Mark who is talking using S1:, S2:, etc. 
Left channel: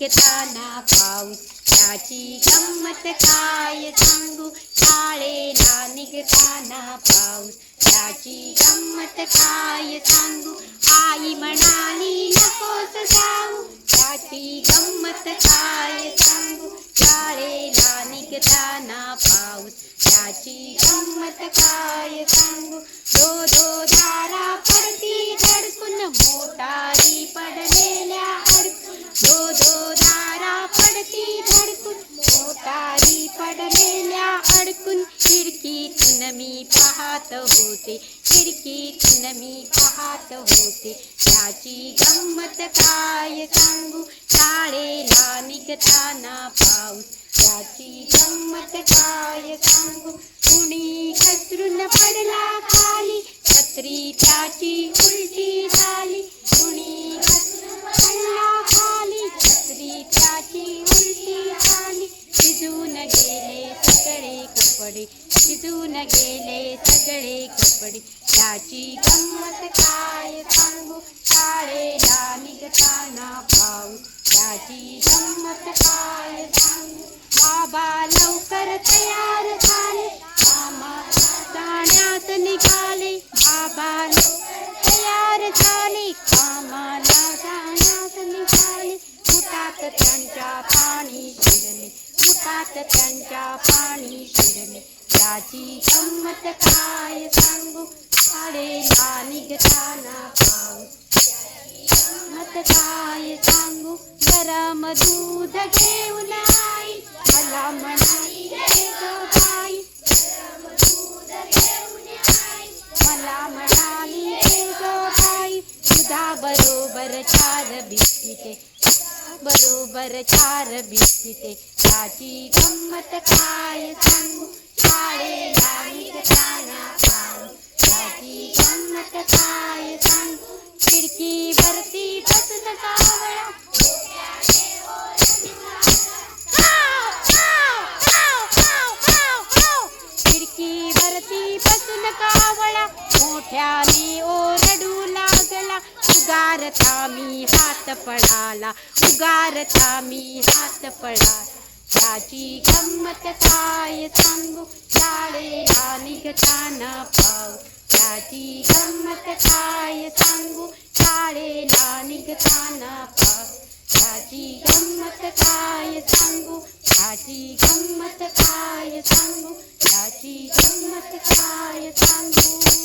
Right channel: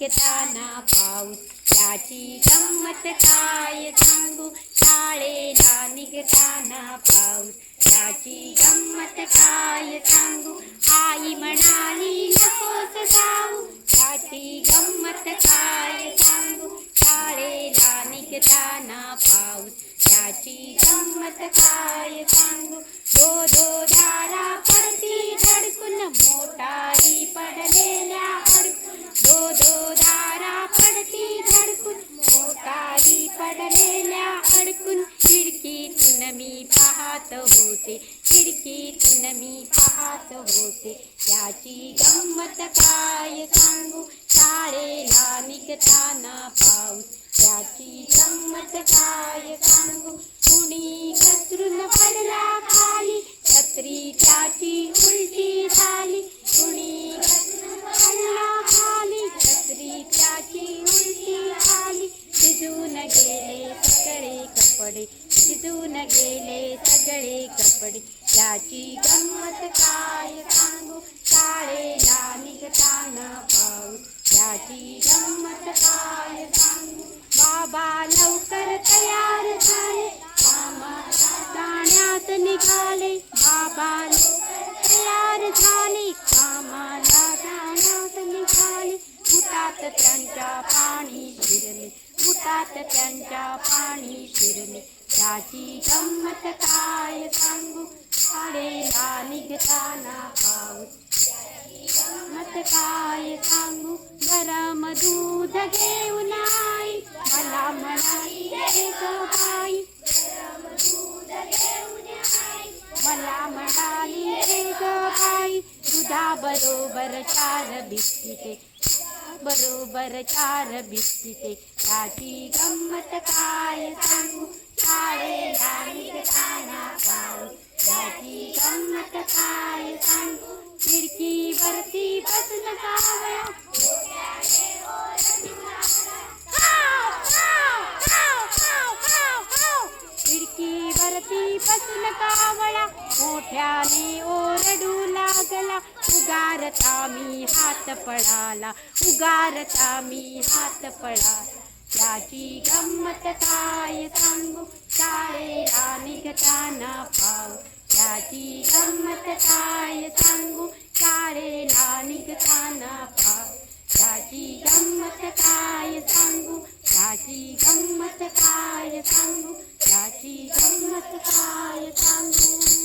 S1: निघताना पाऊस. त्याची गंमत काय सांगू? शाळेला निघताना पाऊस. त्याची गंमत काय सांगू? आई म्हणाली नकोस जाऊ. त्याची गंमत काय सांगू? शाळेला निघताना पाऊस. त्याची गंमत काय सांगू? दो दो पाहत होते खिडकीतून मी पाहत होते त्याची गंमत काय सांगू? शाळेला निघताना पाऊस. त्याची गंमत काय सांगू? कुणी घसरून पडला खाली. छत्री त्याची उलटी झाली. कुणी घसरून पडला खाली. छत्री त्याची उलटी झाली. शिजून गेले सगळे कपडे. शिजून गेले सगळे याची गंमत काय सांगू? शाळेला निघताना पाऊस याची गंमत काय सांगू? बाबा लवकर तयार सात काय सांगू जरा मधूध घेऊन आई मला म्हणाली रे गाई मला म्हणाली रे गाई सुधा बरोबर चार बिस्किटे बरोबर चार बिस्किटे भिस्ति गंमत काय सांगू खिडकीवरती बसून कावळा मोठ्याने ओरडू लागला. उगारता मी हात पडाला उगारता मी हात पडा त्याची गंमत काय सांगू? शाळेला निघताना पाव त्याची गंमत काय सांगू? शाळेला किंमत काय सांगू? याची किंमत काय सांगू?